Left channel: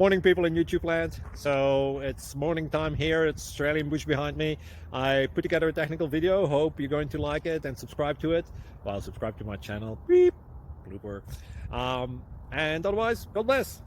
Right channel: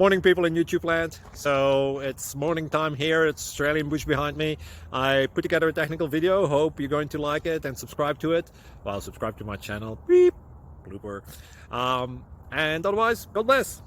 Morning, people in YouTube land. So it's morning time here. It's Australian bush behind me. I put together a technical video. Hope you're going to like it and subscribe to it. Well, subscribe to my channel. Beep. Blooper. And otherwise, God bless.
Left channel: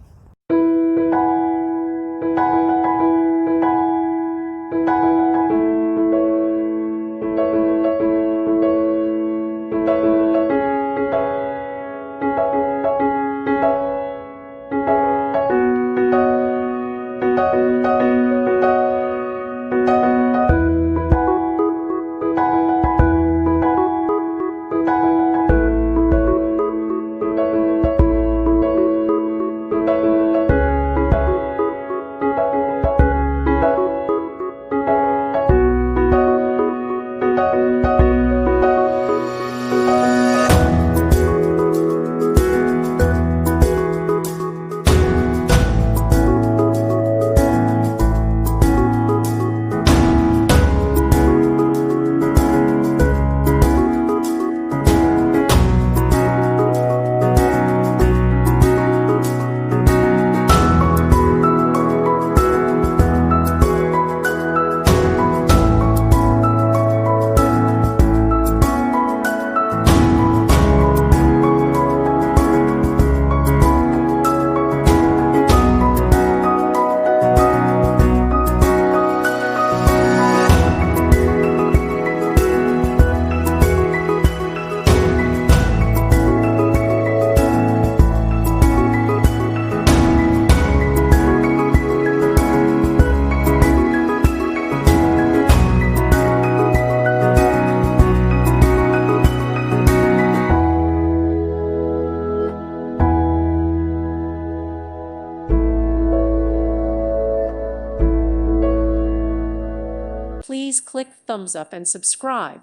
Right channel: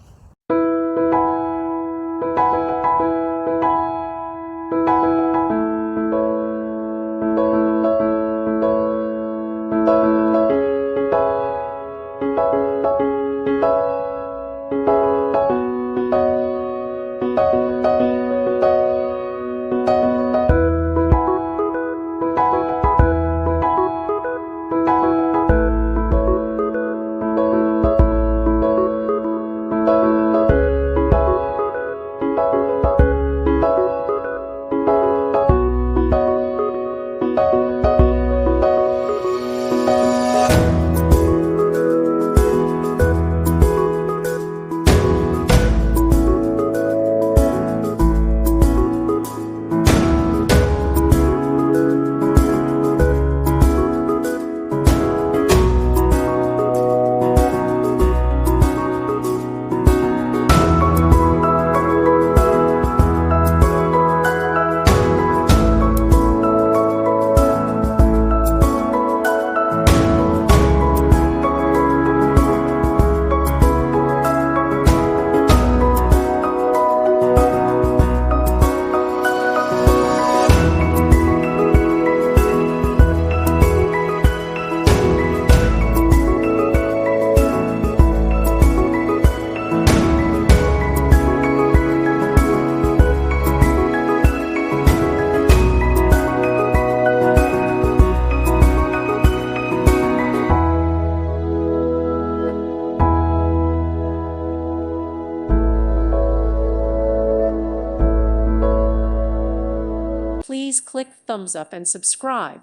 Please click thumbs up and subscribe.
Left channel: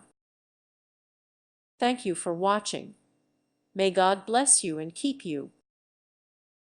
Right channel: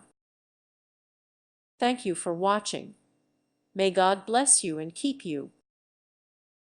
Thank you for watching. May God bless you and keep you.